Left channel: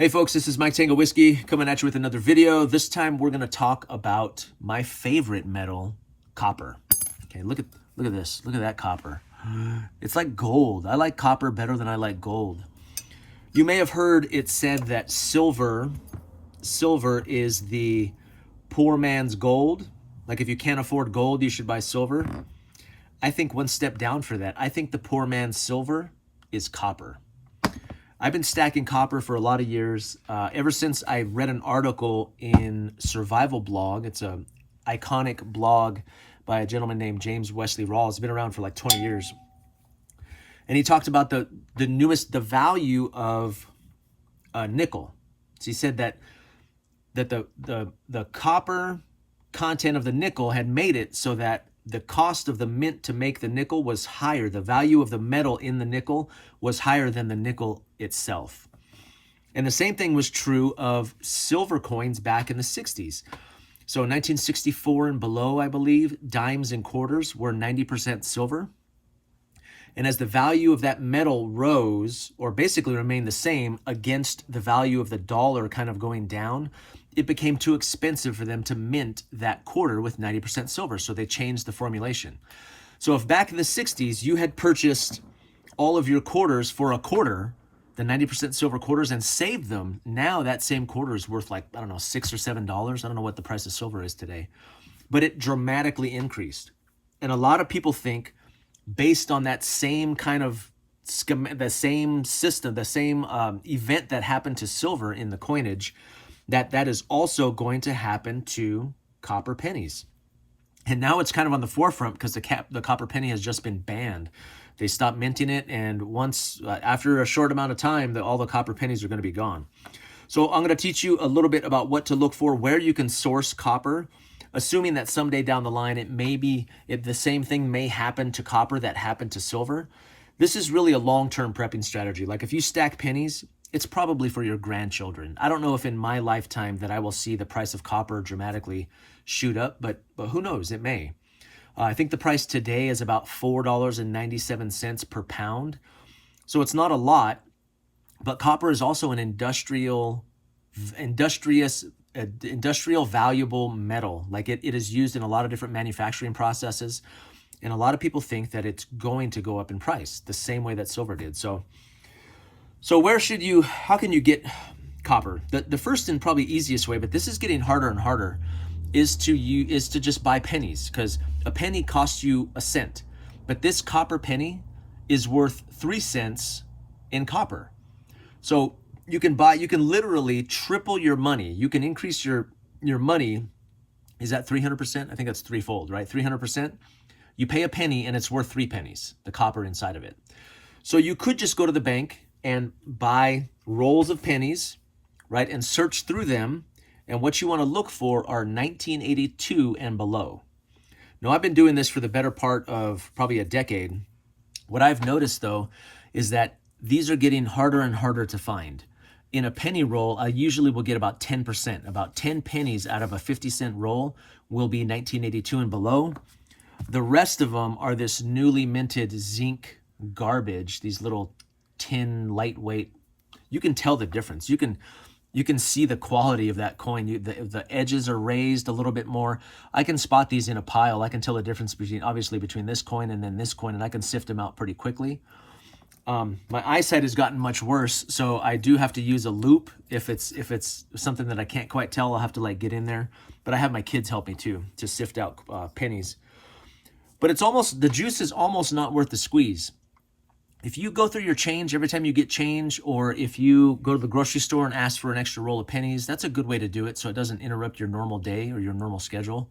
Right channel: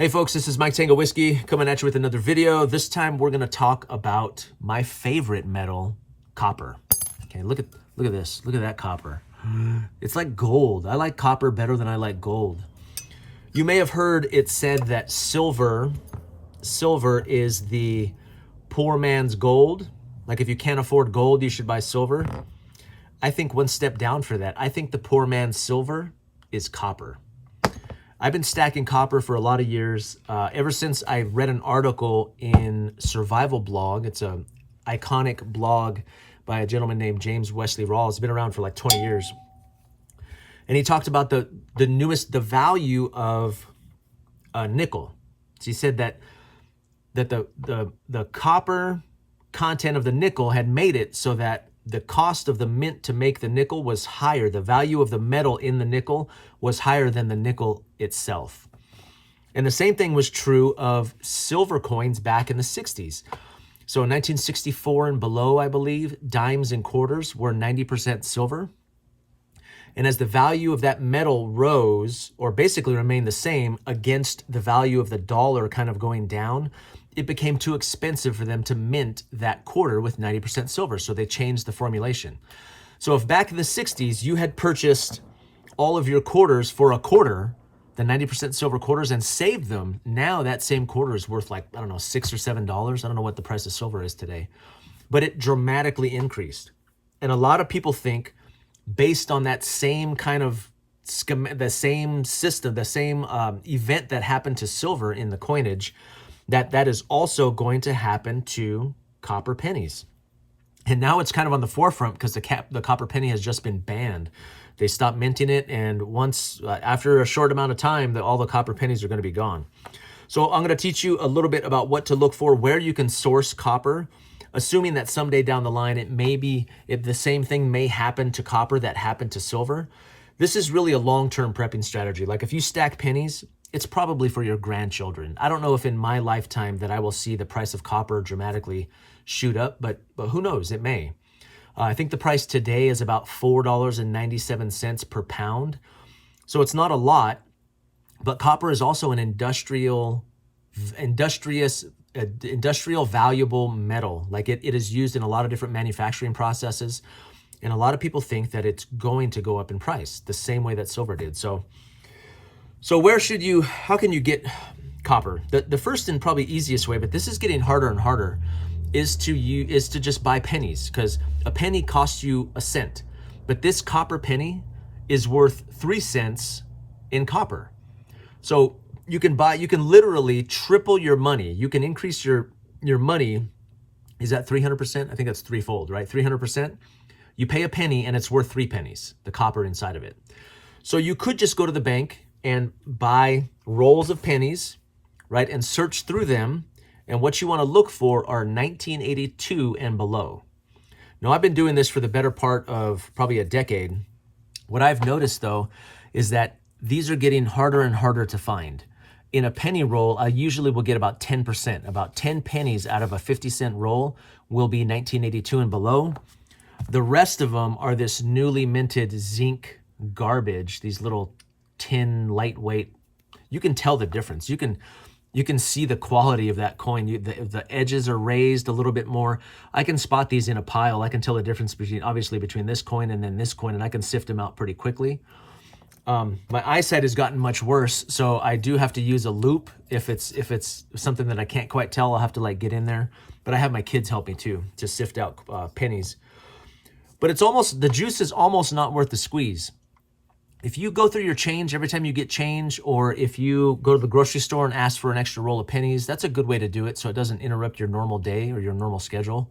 Hey folks, this is Mike Tango Whiskey coming at you with another video. This time we're gonna talk about my favorite metal, copper. Okay, look at this. Look at that copper. It's like gold. I like copper better than I like gold. You may have heard it said that silver is the poor man's gold. Like if you can't afford gold, you should buy silver. I think one step down for that. I think the poor man's silver is copper. I've been stacking copper for a lot of years, ever since I read an article in Survival Blog. It's an iconic blog by a gentleman named James Wesley Rawls. It's been around for like 20 years. And he talked about the value of nickel. So he said that the copper content of the nickel had made it so that the cost of the mint to make the nickel was higher. The value of the metal in the nickel was higher than the nickel itself. And the same thing was true of silver coins back in the 60s. So in 1964 and below, I believe, dimes and quarters were 90% silver. And as the value of that metal rose, or basically remained the same against the value of the dollar kind of going down, it became too expensive for them to mint that quarter with 90% silver. So they changed the formulation. So if back in the 60s, you had purchased all of your quarters for a quarter, the 90% silver quarters, and saved them, now that same quarter is worth like, I don't know, $6 or $7. I don't know what the price of silver is today, but it dramatically increased. And a lot of people think, based on that same kind of the same system, the same event that happened to silver in the coinage, that is also going to happen to copper pennies. And now it's kind of on the forefront because the copper penny has just been banned. They stopped minting it, and once after a short amount of time, all the copper pennies are going to be gone. So I'm going to teach you a little bit about what to look for, where you can source copper, assuming that someday down the line the same thing may happen to copper that happened to silver. This is really a long-term prepping strategy. Like if you stack pennies, it's probably for your grandchildren. I don't know if in my lifetime that I will see the price of copper dramatically shoot up, but who knows, it may. I think the price today is about $4.97 per pound. So it's not a lot, but copper is also an industrial valuable metal. Like it is used in a lot of different manufacturing processes. And a lot of people think that it's going to go up in price the same way that silver did. So how can you get copper? The first and probably easiest way, but this is getting harder and harder, is to just buy pennies, because a penny costs you a cent, but this copper penny is worth 3 cents in copper. So you can literally triple your money. You can increase your money. Is that 300%? I think that's threefold, right? 300%. You pay a penny and it's worth 3 pennies, the copper inside of it. So you could just go to the bank and buy rolls of pennies, right? And search through them. And what you want to look for are 1982 and below. Now, I've been doing this for the better part of probably a decade. What I've noticed, though, is that these are getting harder and harder to find. In a penny roll, I usually will get about 10%. About 10 pennies out of a 50-cent roll will be 1982 and below. The rest of them are this newly minted zinc garbage, these little tin lightweight. You can tell the difference. You can see the quality of that coin. The edges are raised a little bit more. I can spot these in a pile. I can tell the difference between this coin and then this coin, and I can sift them out pretty quickly. My eyesight has gotten much worse, so I do have to use a loop. If it's something that I can't quite tell, I'll have to like get in there. But I have my kids help me too to sift out pennies. But the juice is almost not worth the squeeze. If you go through your change every time you get change, or if you go to the grocery store and ask for an extra roll of pennies, that's a good way to do it so it doesn't interrupt your normal day or your normal schedule.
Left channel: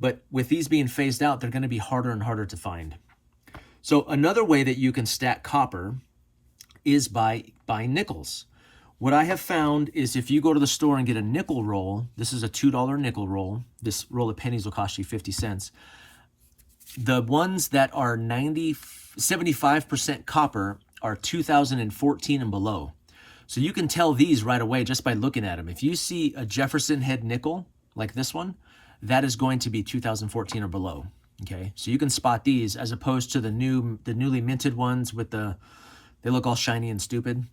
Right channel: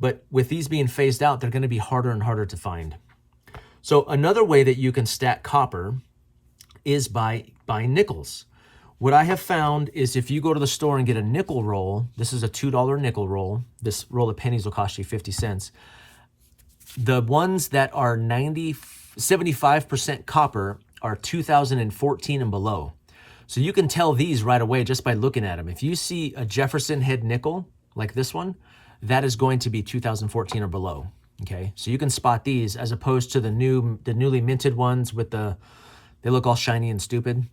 But with these being phased out, they're going to be harder and harder to find. So another way that you can stack copper is by buying nickels. What I have found is if you go to the store and get a nickel roll, this is a $2 nickel roll. This roll of pennies will cost you 50 cents. The ones that are 75% copper are 2014 and below. So you can tell these right away just by looking at them. If you see a Jefferson head nickel like this one, that is going to be 2014 or below. Okay, so you can spot these as opposed to the newly minted ones with they look all shiny and stupid.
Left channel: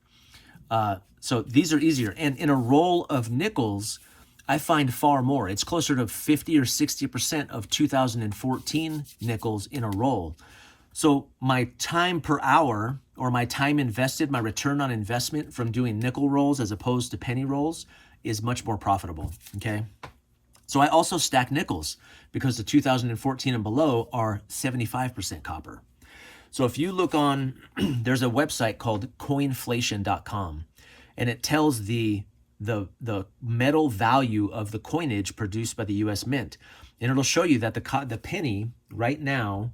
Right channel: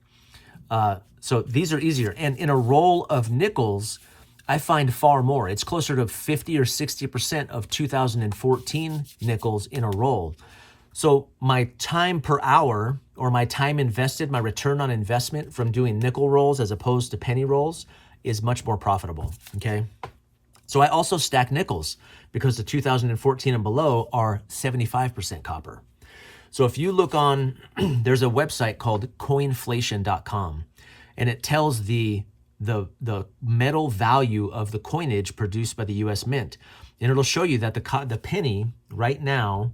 So these are easier. And in a roll of nickels, I find far more. It's closer to 50 or 60% of 2014 nickels in a roll. So my time per hour, or my time invested, my return on investment from doing nickel rolls as opposed to penny rolls is much more profitable, okay? So I also stack nickels because the 2014 and below are 75% copper. So if you look on, there's a website called coinflation.com, and it tells the metal value of the coinage produced by the US Mint. And it'll show you that the penny right now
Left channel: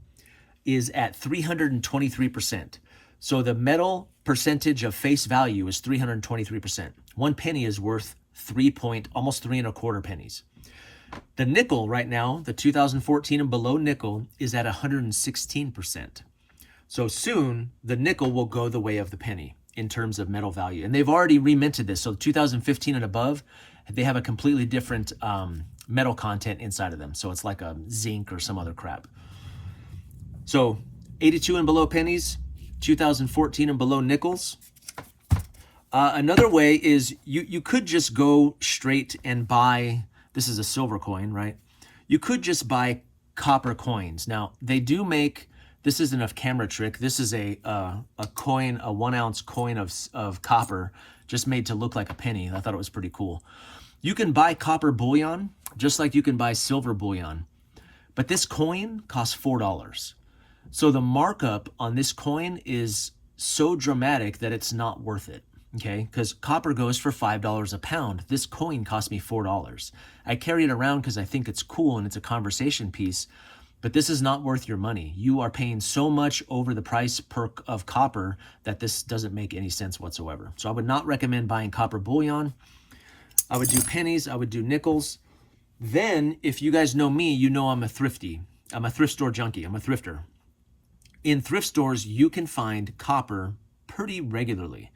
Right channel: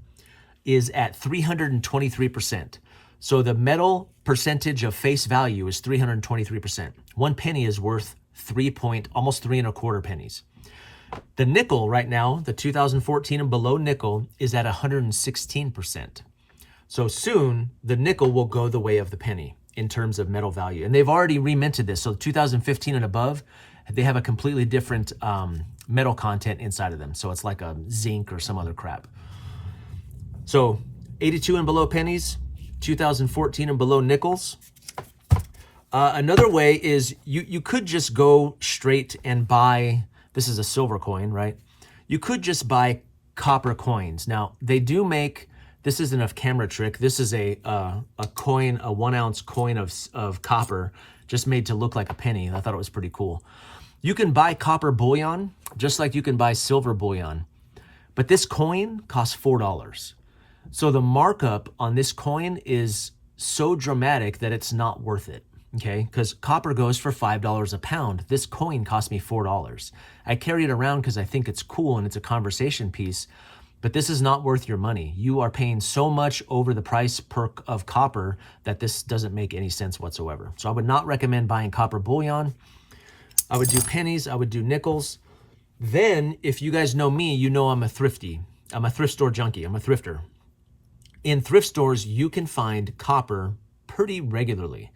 is at 323%. So the metal percentage of face value is 323%. 1 penny is worth almost 3.25 pennies. The nickel right now, the 2014 and below nickel, is at 116%. So soon the nickel will go the way of the penny in terms of metal value. And they've already reminted this. So 2015 and above, they have a completely different metal content inside of them. So it's like a zinc or some other crap. So 82 and below pennies, 2014 and below nickels. Another way is you could just go straight and buy, this is a silver coin, right? You could just buy copper coins. Now they do make, this isn't a camera trick. This is a coin, a 1 ounce coin of copper, just made to look like a penny. I thought it was pretty cool. You can buy copper bullion, just like you can buy silver bullion. But this coin costs $4. So the markup on this coin is so dramatic that it's not worth it, okay? Because copper goes for $5 a pound. This coin cost me $4. I carry it around because I think it's cool and it's a conversation piece, but this is not worth your money. You are paying so much over the price of copper that this doesn't make any sense whatsoever. So I would not recommend buying copper bullion. I would do pennies, I would do nickels. Then, if you guys know me, you know I'm a thrifty. I'm a thrift store junkie, I'm a thrifter. In thrift stores, you can find copper pretty regularly.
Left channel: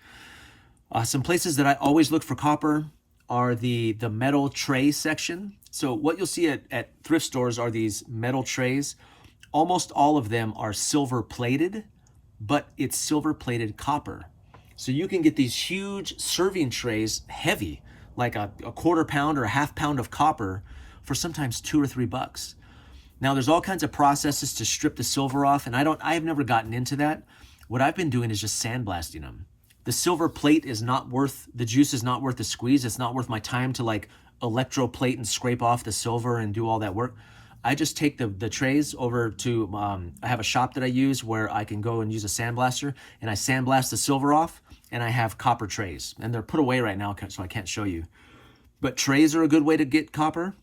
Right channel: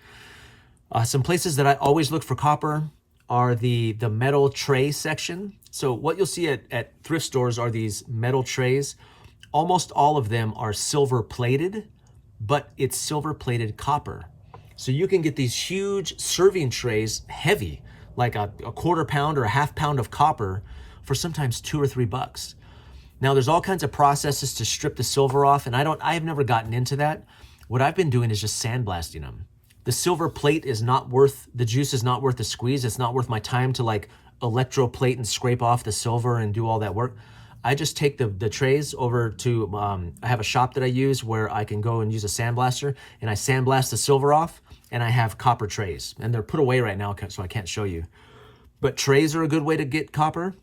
Some places that I always look for copper are the metal tray section. So what you'll see at thrift stores are these metal trays. Almost all of them are silver plated, but it's silver plated copper. So you can get these huge serving trays, heavy, like a quarter pound or a half pound of copper for sometimes $2 or $3. Now there's all kinds of processes to strip the silver off, and I've never gotten into that. What I've been doing is just sandblasting them. The silver plate is not worth, the juice is not worth the squeeze. It's not worth my time to like electroplate and scrape off the silver and do all that work. I just take the trays over to, I have a shop that I use where I can go and use a sandblaster, and I sandblast the silver off, and I have copper trays. And they're put away right now, so I can't show you. But trays are a good way to get copper.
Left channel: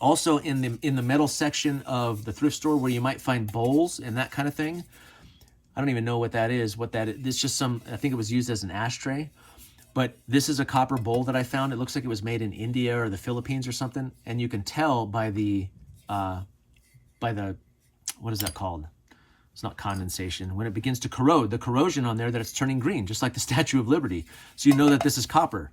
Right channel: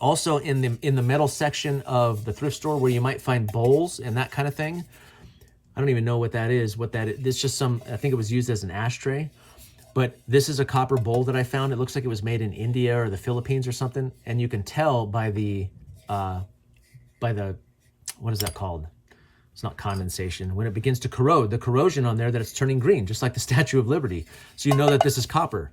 Also in the metal section of the thrift store where you might find bowls and that kind of thing. I don't even know what that is. It's just some, I think it was used as an ashtray. But this is a copper bowl that I found. It looks like it was made in India or the Philippines or something. And you can tell by the, what is that called? It's not condensation. When it begins to corrode, the corrosion on there, that it's turning green, just like the Statue of Liberty. So you know that this is copper.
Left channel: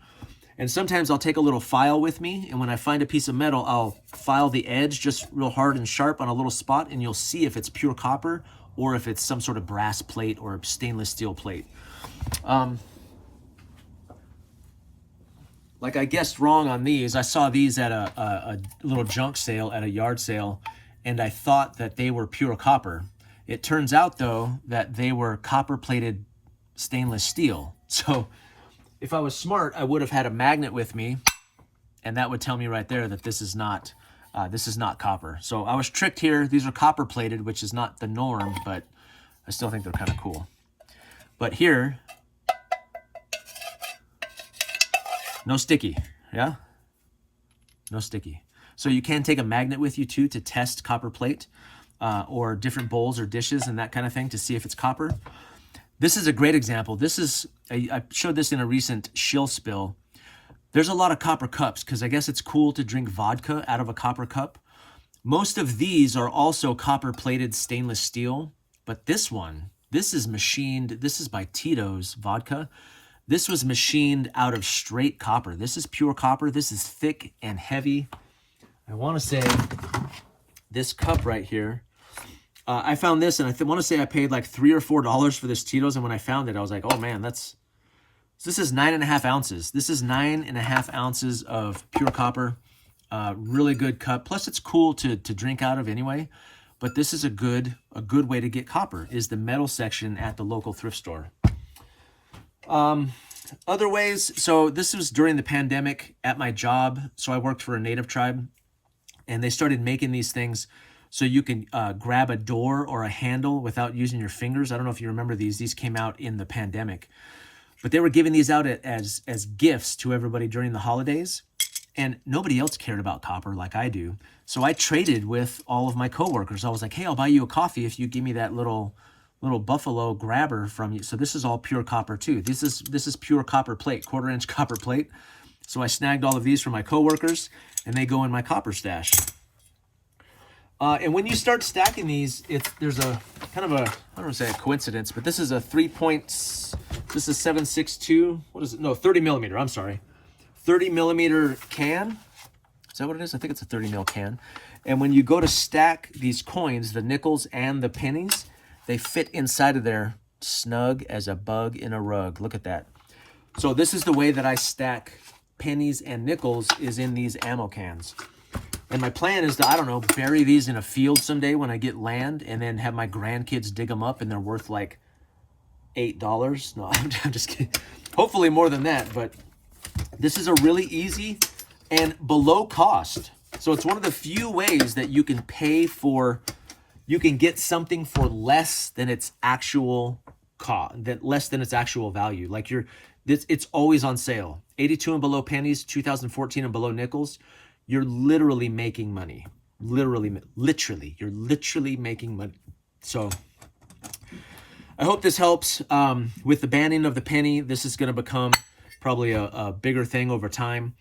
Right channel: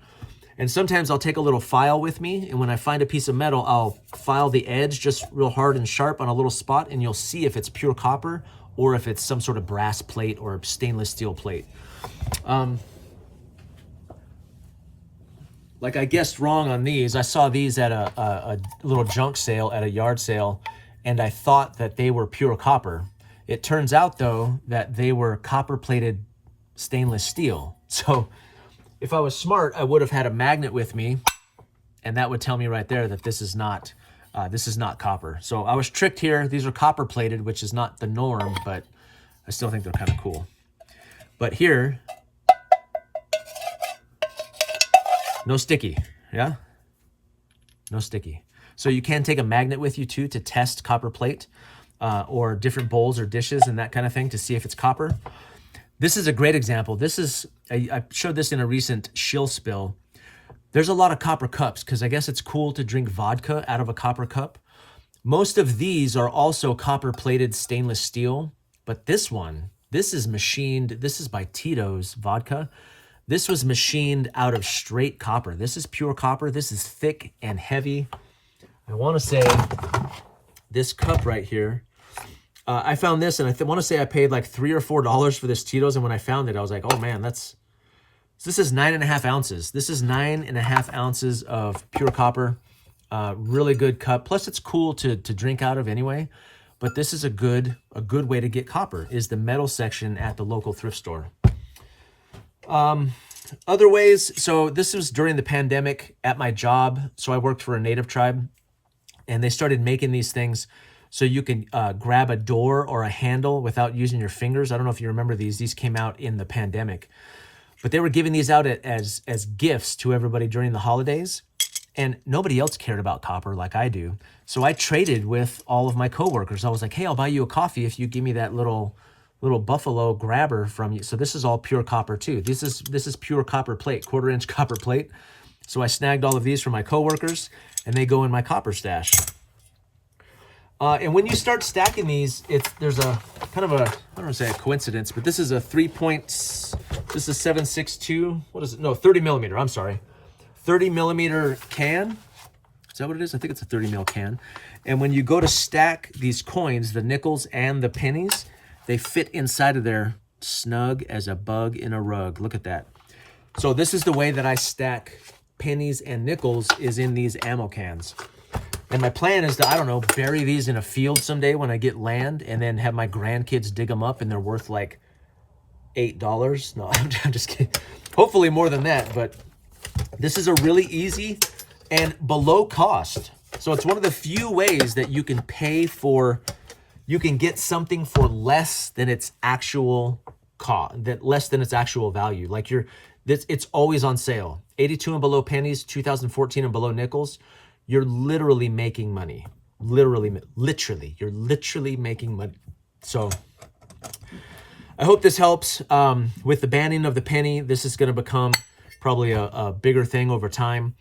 And sometimes I'll take a little file with me, and when I find a piece of metal, I'll file the edge just real hard and sharp on a little spot, and you'll see if it's pure copper or if it's some sort of brass plate or stainless steel plate. Like I guessed wrong on these. I saw these at a little junk sale, at a yard sale, and I thought that they were pure copper. It turns out, though, that they were copper-plated stainless steel. So if I was smart, I would have had a magnet with me, and that would tell me right there that this is not copper. So I was tricked here. These are copper plated, which is not the norm, but I still think they're kind of cool. But here, no sticky, yeah? No sticky. So you can take a magnet with you too to test copper plate or different bowls or dishes and that kind of thing to see if it's copper. This is a great example. This is, I showed this in a recent shill spill. There's a lot of copper cups because I guess it's cool to drink vodka out of a copper cup. Most of these are also copper plated stainless steel, but this one, this is machined. This is by Tito's vodka. This was machined out of straight copper. This is pure copper. This is thick and heavy. I want to say this cup right here, I found this, and I want to say I paid like $3 or $4 for this Tito's, and when I found it, I was like, oh man, that's So this is 9.5 ounces. This is 9.5 ounces of pure copper. Really good cup. Plus, it's cool to drink out of anyway. But this is a good way to get copper, is the metal section at the local thrift store. Other ways, so this was during the pandemic at my job. So I worked for a native tribe, and they started making these things so you can grab a door or a handle without using your fingers. I don't know if you remember these. These came out in the pandemic. But they were giving these out as gifts to everybody during the holidays. And nobody else cared about copper like I do. So I traded with all of my coworkers. I was like, hey, I'll buy you a coffee if you give me that little buffalo grabber from you. So this is all pure copper too. This is pure copper plate, 1/4-inch copper plate. So I snagged all of these from my coworkers, and they go in my copper stash. And when you start stacking these, there's a kind of a, I don't want to say a coincidence, but this is a 7.62, what is it? No, 30 millimeter, I'm sorry. 30 millimeter can. Is that what it is? I think it's a 30 mil can. And when you go to stack these coins, the nickels and the pennies, they fit inside of there snug as a bug in a rug. Look at that. So this is the way that I stack pennies and nickels, is in these ammo cans. And my plan is to, I don't know, bury these in a field someday when I get land, and then have my grandkids dig them up, and they're worth like $8. No, I'm just kidding. Hopefully more than that, but this is a really easy and below cost. So it's one of the few ways that you can pay for, you can get something for less than its actual cost, less than its actual value. Like it's always on sale. 82 and below pennies, 2014 and below nickels. You're literally making money. Literally, you're literally making money. So I hope this helps. With the banning of the penny, this is going to become probably a bigger thing over time.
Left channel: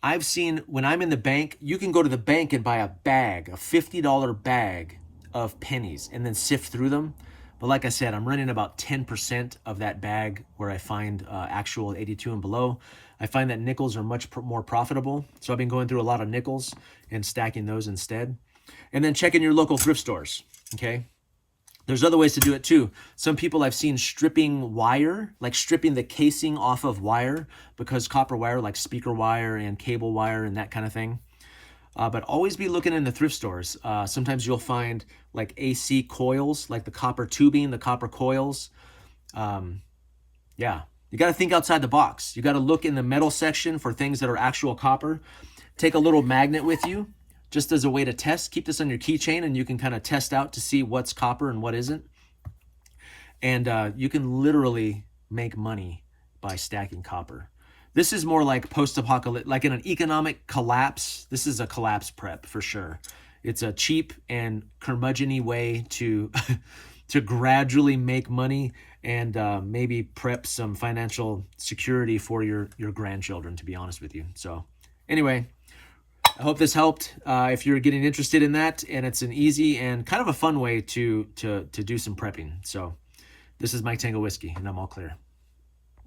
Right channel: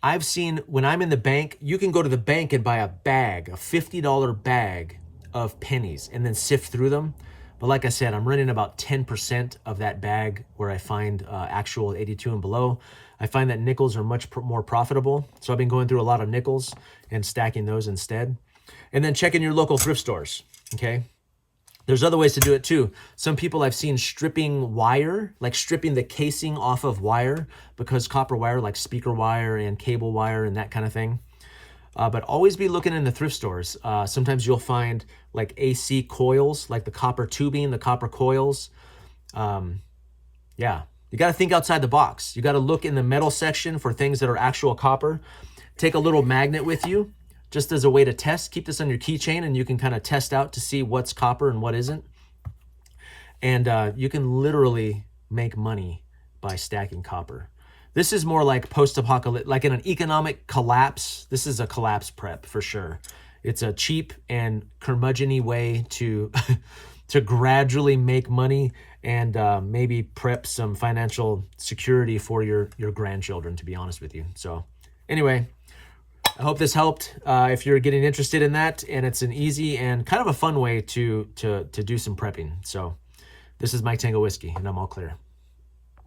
I've seen, when I'm in the bank, you can go to the bank and buy a bag, a $50 bag of pennies, and then sift through them. But like I said, I'm running about 10% of that bag where I find actual 82 and below. I find that nickels are much more profitable. So I've been going through a lot of nickels and stacking those instead. And then checking your local thrift stores, okay? There's other ways to do it too. Some people I've seen stripping wire, like stripping the casing off of wire, because copper wire, like speaker wire and cable wire and that kind of thing. But always be looking in the thrift stores. Sometimes you'll find like AC coils, like the copper tubing, the copper coils. Yeah, you got to think outside the box. You got to look in the metal section for things that are actual copper. Take a little magnet with you, just as a way to test. Keep this on your keychain, and you can kind of test out to see what's copper and what isn't. And you can literally make money by stacking copper. This is more like post-apocalyptic, like in an economic collapse. This is a collapse prep for sure. It's a cheap and curmudgeon-y way to to gradually make money and maybe prep some financial security for your grandchildren, to be honest with you. So anyway, I hope this helped. If you're getting interested in that, and it's an easy and kind of a fun way to do some prepping. So this is Mike Tango Whiskey, and I'm all clear.